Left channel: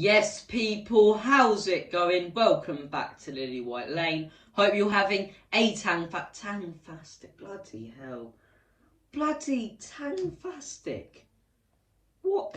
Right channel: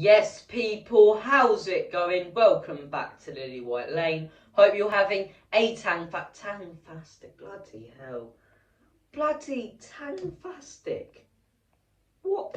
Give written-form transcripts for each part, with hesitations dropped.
Yes, people, how's it going? Welcome back to Lily White Lane. Hope you're having a tangfastic. Bloody hell. Bloody tangfastic. What?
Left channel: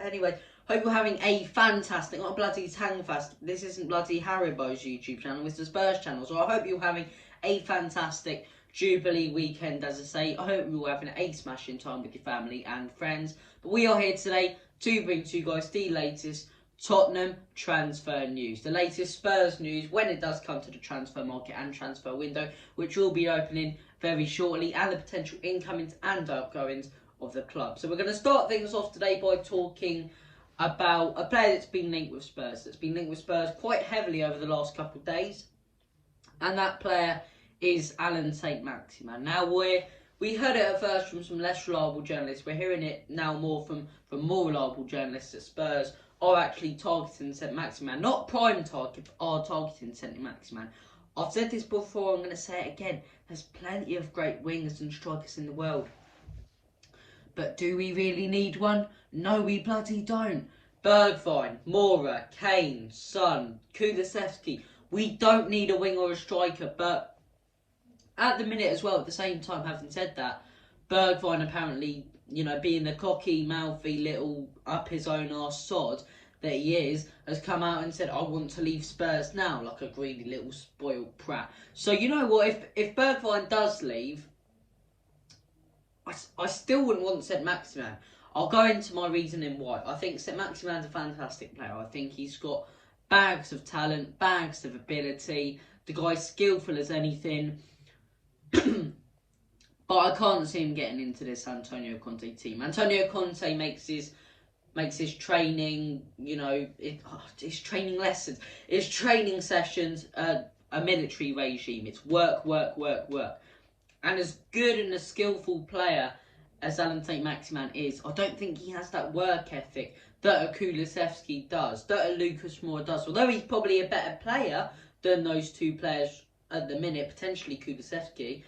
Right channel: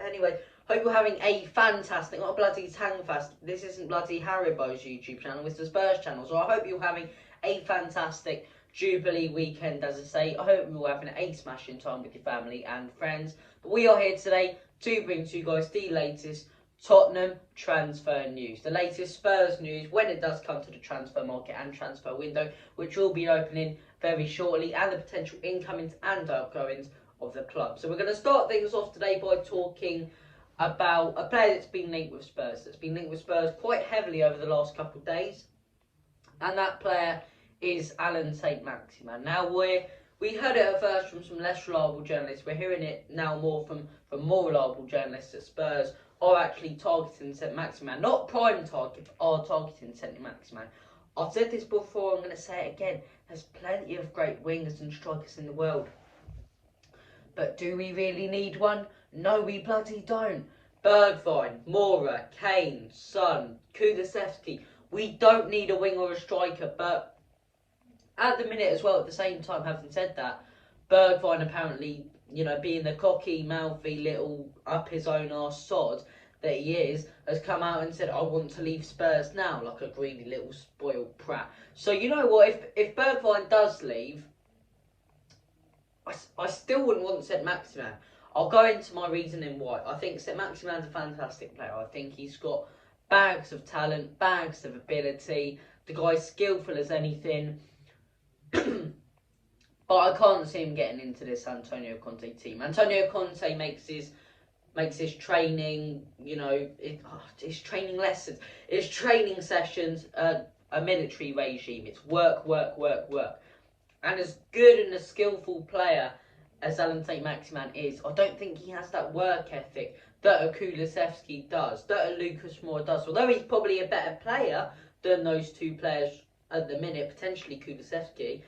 Anyway, hope you're having a fantastic, not a bloody tangfast. This isn't bloody Haribo's YouTube channel, it's the Spurs channel. So I hope you're having a fantastic Jubilee weekend, as I say. I hope you're having a smashing time with your family and friends. But we are here today to bring to you guys the latest Tottenham transfer news. The latest Spurs news when it does come to the transfer market and transfer window, which will be opening very shortly, and the potential incomings and outgoings of the club. So we're going to start things off today by talking about a player that's been linked with Spurs. That's been linked with Spurs quite heavily over the last couple of days. And that player is Alan St. Maximan. Now, we heard it at first from some less reliable journalists. We're hearing it now more from more reliable journalists that Spurs are actually targeting St. Maximan. Not prime target, but are targeting St. Maximan. I've said this before, I'm going to say it again. There's plenty of great wingers and strikers in the world. But do we really need one? No, we bloody don't. Bergwijn, Mora, Kane, Son, Kulusevski. We don't need a wing or a striker, but at the minute as well, at the same time, having said that, Bergwijn apparently, being the cocky, mouthy little up his own arse sod that he is, has come out and said, I want to leave Spurs now, like a greedy little spoiled prat. So you know what, if Bergwijn does leave, I still wouldn't want St. Maximan. I'll go into my reasoning why. I think St. Maximan's a fantastic player. I think he's got bags of talent, bags of ability. The guy's skillful as anything. But I can't see him getting into this Antonio Conte team. Antonio Conte makes his training, his training lessons, his training sessions, a military regime. It's work, work, work, work. And as good and a skillful player as Alan St. Maximan is, I don't think he has that work ethic that a Kulusevski does, that a Lucas Moura does. Although he's probably a better player than those two players at the minute, potentially Kulusevski,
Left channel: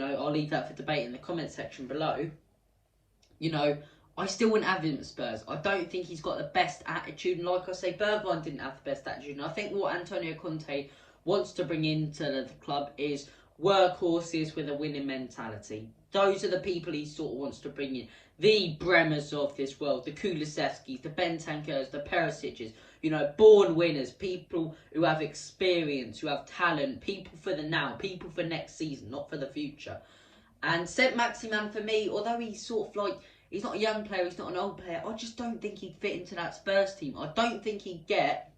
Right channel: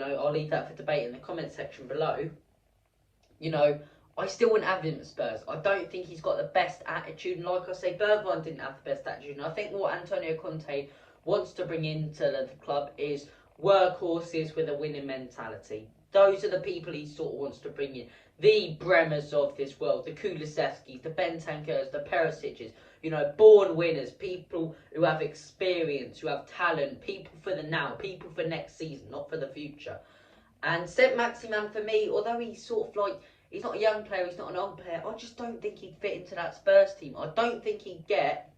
I'll leave that for debate in the comment section below. I still wouldn't have him at Spurs. I don't think he's got the best attitude. And like I say, Bergwijn didn't have the best attitude. And I think what Antonio Conte wants to bring into the club is workhorses with a winning mentality. Those are the people he sort of wants to bring in. The Bremers of this world, the Kulusevskis, the Bentancurs, the Perisic's, born winners, people who have experience, who have talent, people for the now, people for next season, not for the future. And St. Maximan, for me, although he's sort of like, he's not a young player, he's not an old player, I just don't think he'd fit into that Spurs team. I don't think he'd get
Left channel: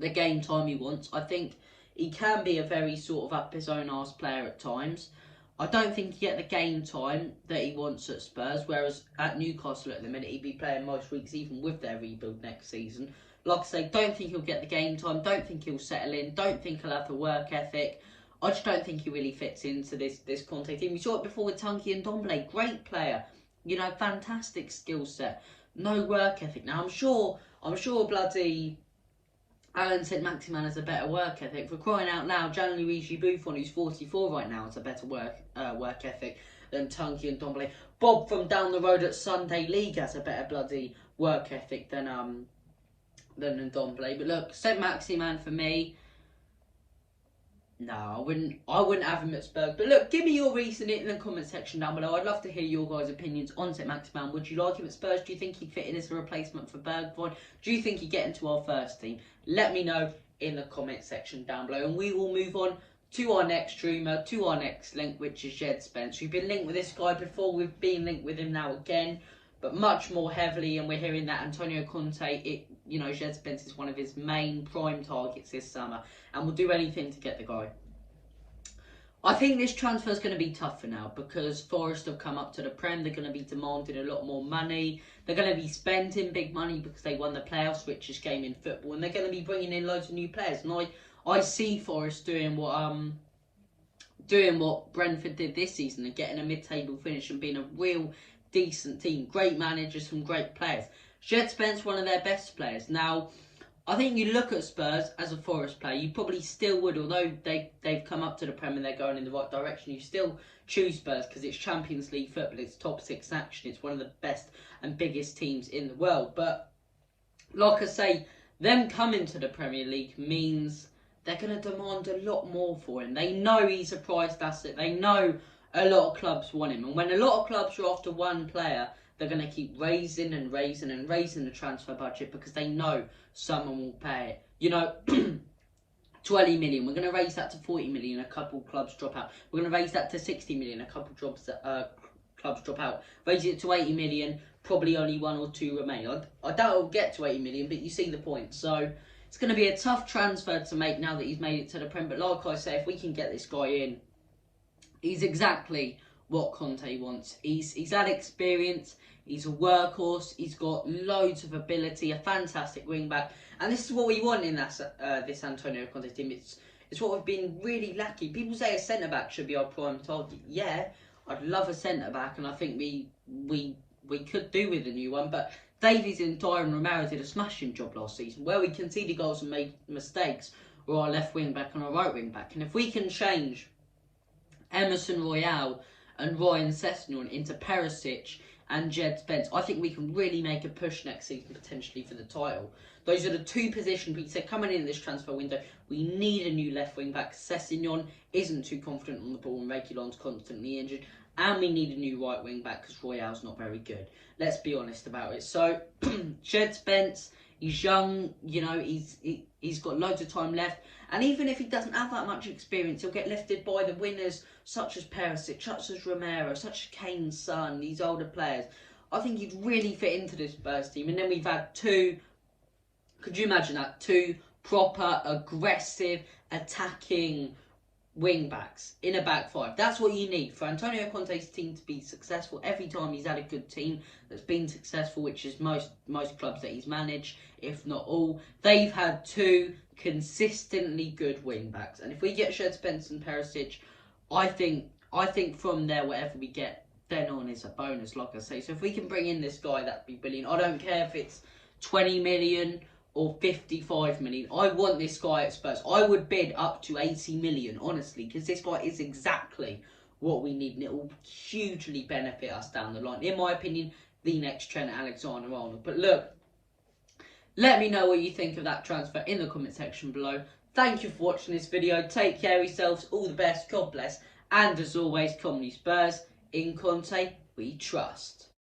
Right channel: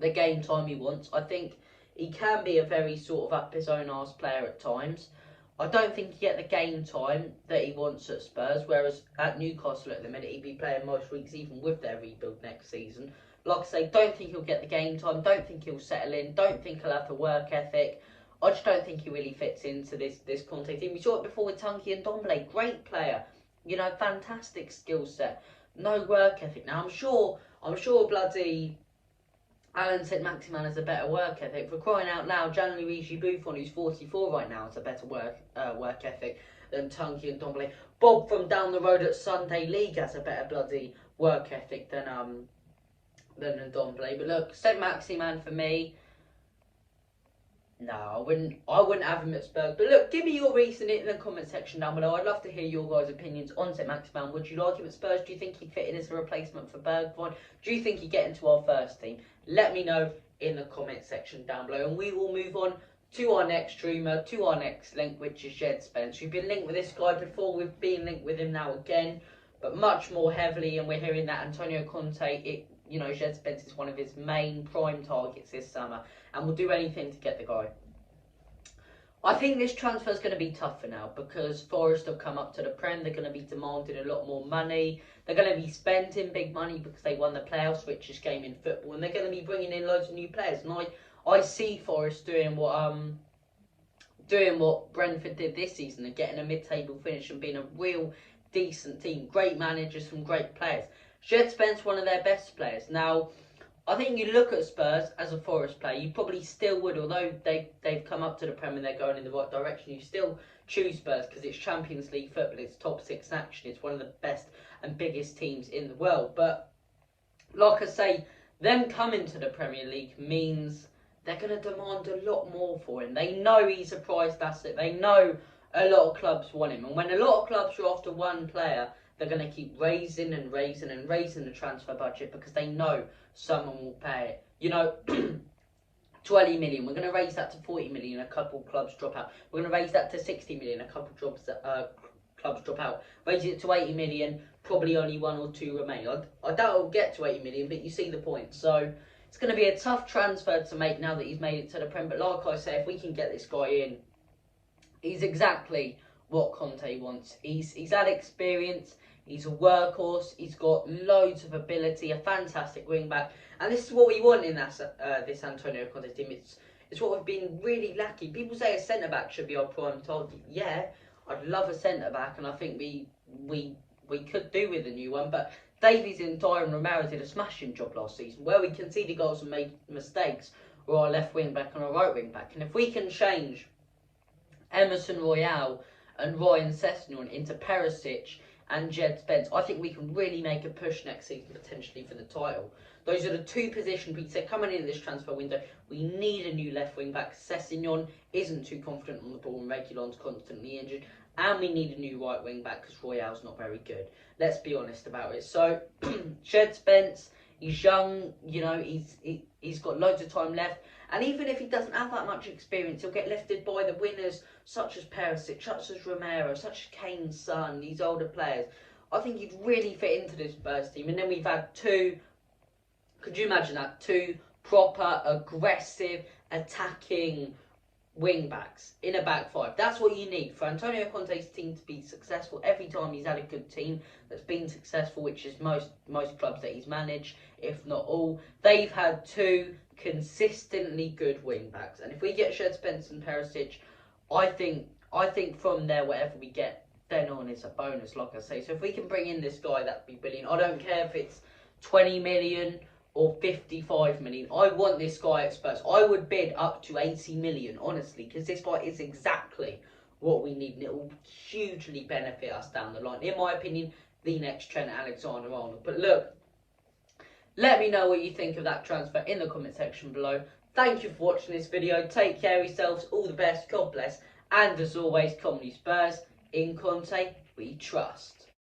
the game time he wants. I think he can be a very sort of up his own arse player at times. I don't think he'd get the game time that he wants at Spurs, whereas at Newcastle at the minute, he'd be playing most weeks even with their rebuild next season. Like I say, don't think he'll get the game time, don't think he'll settle in, don't think he'll have the work ethic. I just don't think he really fits into this Conte team. We saw it before with Tunky and Ndombele, great player, fantastic skill set, no work ethic. Now I'm sure bloody Alan St. Maximan has a better work ethic. For crying out loud, Gianluigi Buffon, who's 44 right now, has a better work ethic than Tunky and Ndombele. Bob from down the road at Sunday League has a better bloody work ethic than Ndombele. But look, St. Maximan for me, no, I wouldn't have him at Spurs. But look, give me your reasoning in the comment section down below. I'd love to hear your guys' opinions on St. Maximan. Would you like him at Spurs? Do you think he'd fit in as a replacement for Bergwijn? Do you think he'd get into our first team? Let me know in the comment section down below. And we will move on to our next rumour, to our next link, which is Djed Spence. We've been linked with this guy before. We've been linked with him now again, but much more heavily. And we're hearing that Antonio Conte, Djed Spence is one of his main prime targets this summer, and will do anything to get the guy. I think this transfer is going to be tougher now because Forest have come up to the Prem. They're going to be demanding a lot more money. They're going to be spending big money because they won the playoffs, richest game in football, and they're going to be bringing in loads of new players. And I see Forest doing what Brentford did this season and getting a mid-table finish and being a real decent team. Great managers, some great players. Djed Spence, one of their best players. Now, I think you look at Spurs as a Forest player, you probably still would, although they've come up to the Prem and they're going in the right direction, you still choose Spurs because it's Champions League football, it's top 6 action, it's one of the best and biggest teams in the world. But like I say, them coming to the Premier League means they're going to demand a lot more for him. They know he's a prized asset. They know a lot of clubs want him. And when a lot of clubs are after one player, they're going to keep raising and raising and raising the transfer budget because they know someone will pay it. You know, 20 million, we're going to raise that to 40 million, a couple clubs drop out. We're going to raise that to 60 million, a couple clubs drop out. Raise it to 80 million, probably only one or two remain. I doubt it'll get to 80 million, but you see the point. So it's going to be a tough transfer to make now that he's made it to the Prem. But like I say, if we can get this guy in, he's exactly what Conte wants. He's had experience, he's a workhorse, he's got loads of ability, a fantastic wing back, and this is what we want in this Antonio Conte team. It's what we've been really lacking. People say a centre back should be our prime target. Yeah, I'd love a centre back, and I think we could do with a new one. But Davies and Dyer and Romero did a smashing job last season, where we conceded goals and made mistakes, or our left wing back and our right wing back. And if we can change Emerson Royale and Ryan Sessegnon into Perisic and Djed Spence, I think we can really make a push next season potentially for the title. Those are the two positions we said coming in this transfer window. We need a new left wing back. Sessegnon isn't too confident on the ball and Reguilon's constantly injured. And we need a new right wing back because Royale's not very good. Let's be honest about it. So, Djed Spence, he's young, you know, he's got loads of time left. And even if he doesn't have that much experience, he'll get lifted by the winners such as Perisic, such as Romero, such as Kane's son, these older players. I think he'd really fit into this Spurs team. And then we've had two, could you imagine that? Two proper, aggressive, attacking wing backs in a back five. That's what you need for Antonio Conte's team to be successful. Every time he's had a good team that's been successful, which is most clubs that he's managed, if not all, they've had two consistently good wing backs. And if we get Djed Spence and Perisic, I think from there whatever we get then on is a bonus, like I say. So if we can bring in this guy, that'd be brilliant. I don't care if it's 20 million or 55 million. I want this guy at Spurs. I would bid up to 80 million, honestly, because this guy is exactly what we need, and it will hugely benefit us down the line. In my opinion, the next Trent Alexander-Arnold. But look, let me know what you think of that transfer in the comment section below. Thank you for watching this video. Take care of yourselves. All the best. God bless. And as always, Comedy Spurs, in Conte, we trust.